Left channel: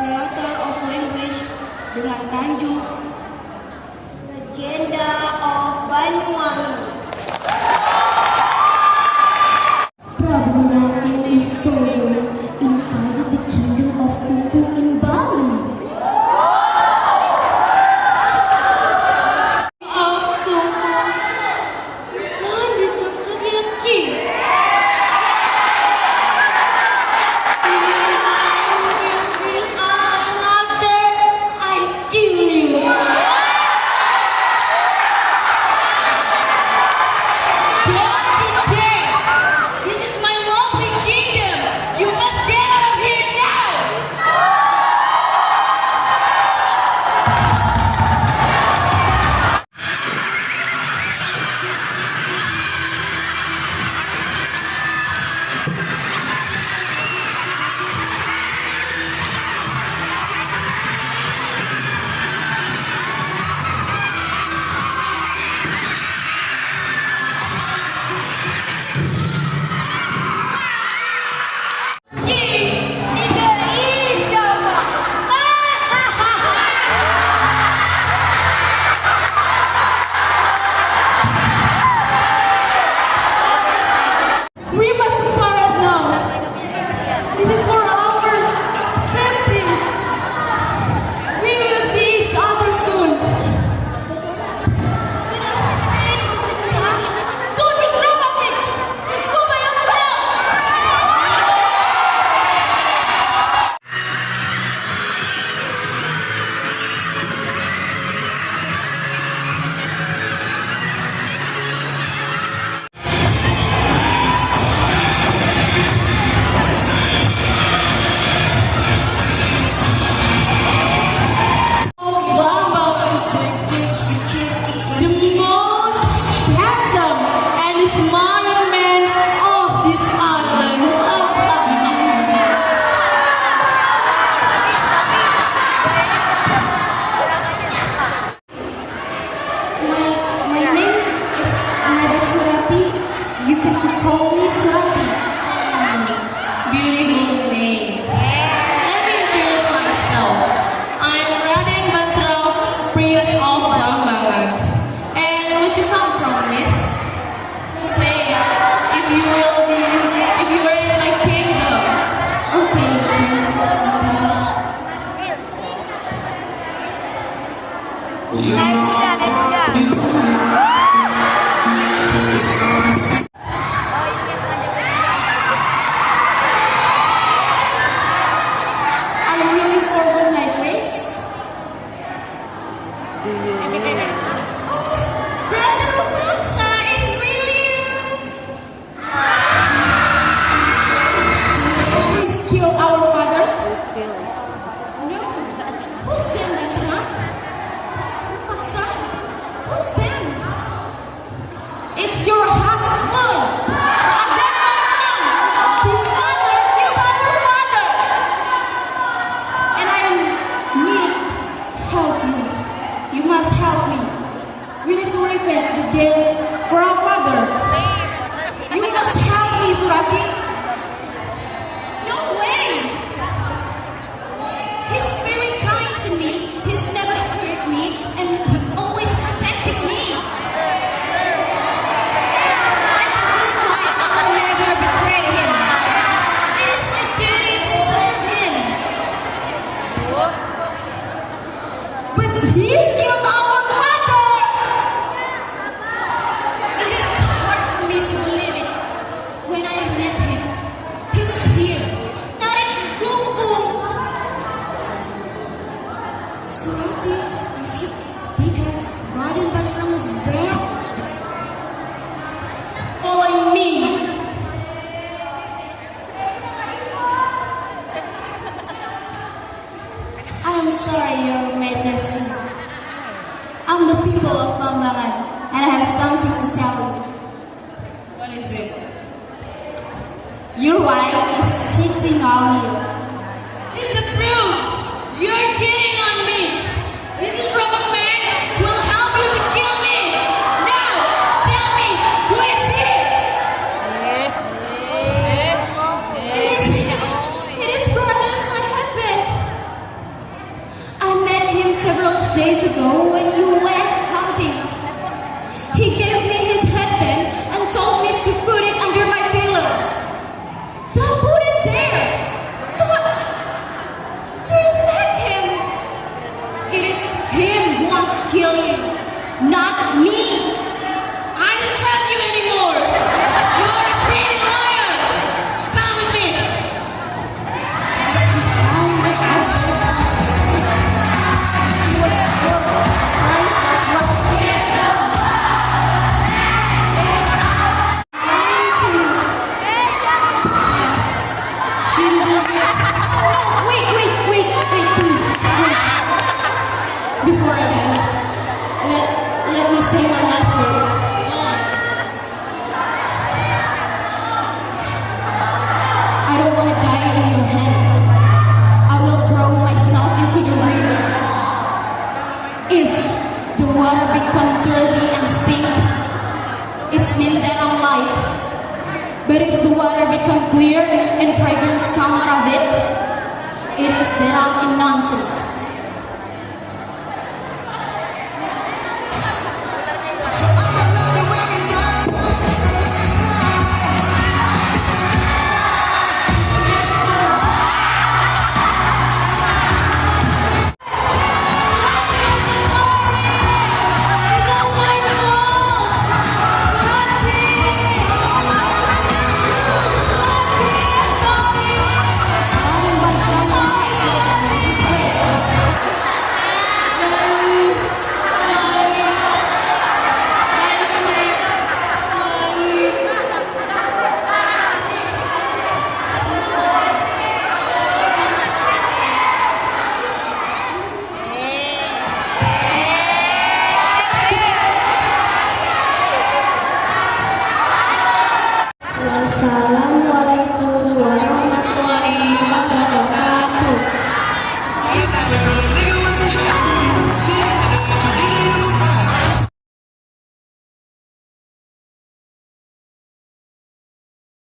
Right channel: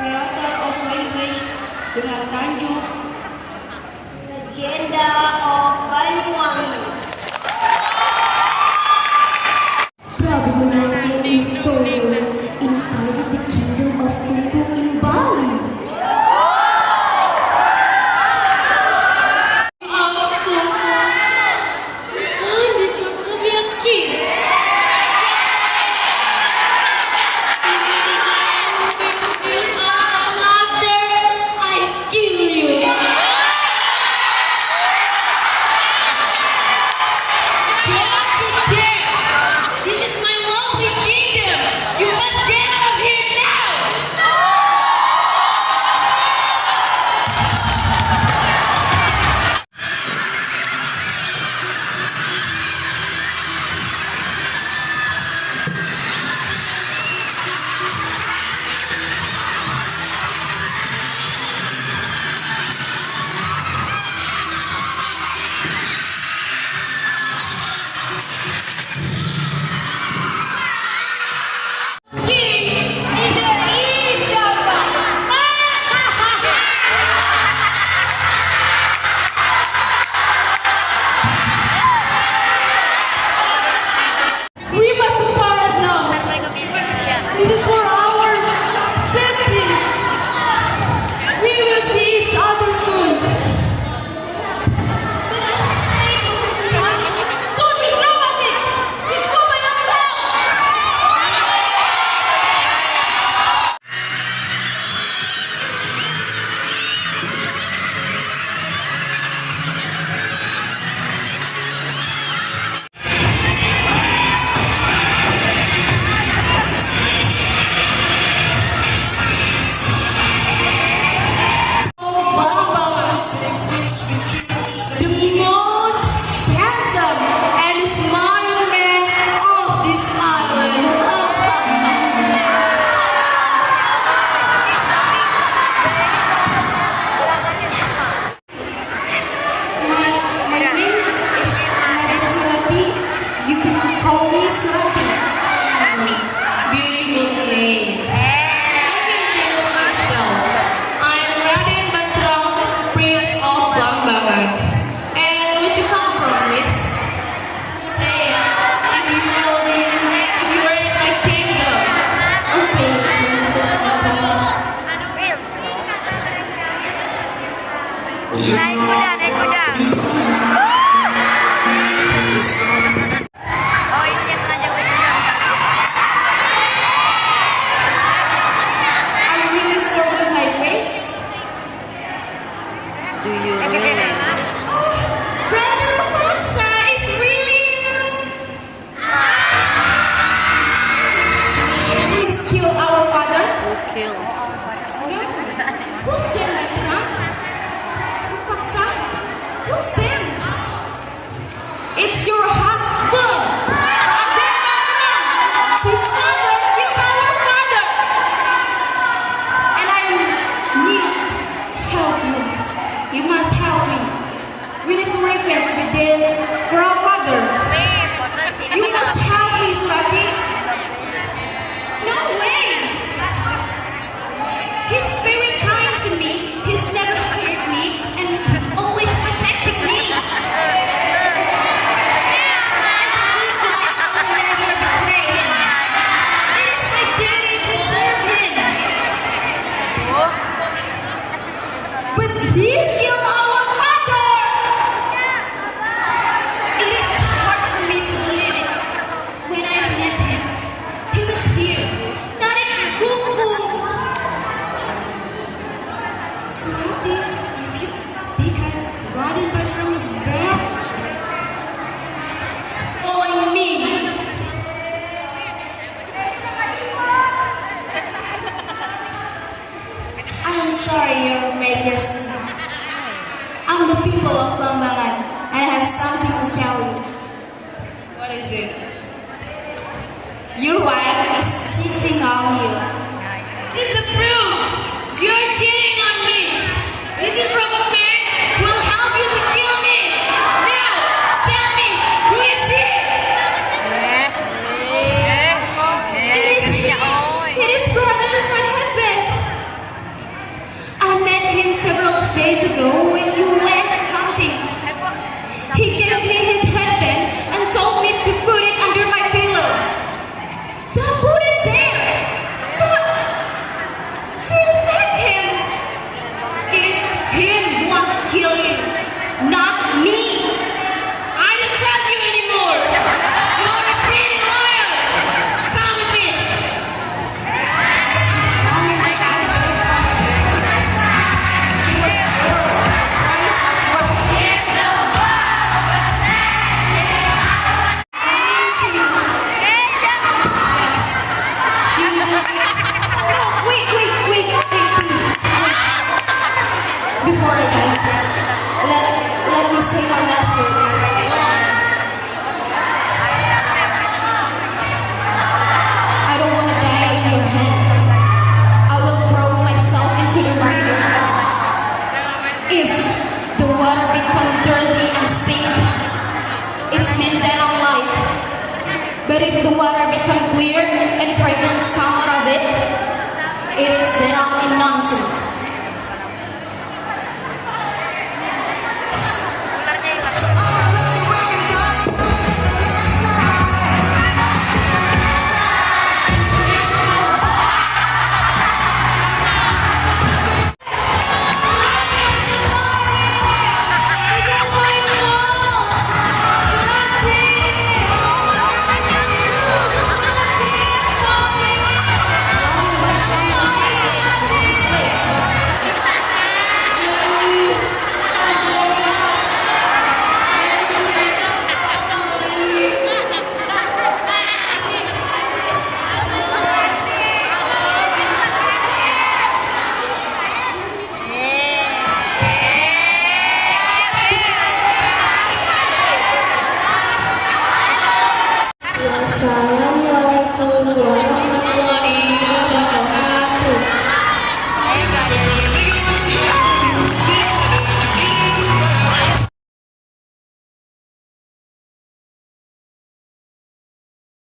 Creator of language dengan tajuk Legenda of Banyuwangi. Prabu Menang in Solo invaded the kingdom of Tumpung in Bali. Naik kuda, naik kuda. Oh, ini yang telanjang baju. I really forgot my face. Do you really? Brother Papansa is really Please kill our father. Who kills? No. Who's them, Netra? Paksa? Who's them? It's your husband. His father killed our father. And I need help you. You must help me. We need to revenge the dead for our father. You must help me, Suraki. No way. He's very kind to me. He's never hurt me and always protected me. As a good guy, I will never betray him. It is my duty to serve him. But he killed our father. It is hard for me to believe it. When I met him, he was here, not in Kuku. So I did refuse because Raden Bajram was very on me. I'm sorry, Your Majesty. I'm the people of Bangladesh, and I have something to tell you. What is it? Your wife is cheating on you. This is the proof. You're cheating on me. This is from a man who will help you to kill me. Now, tell me, who is he? It is brother of my husband. days ago,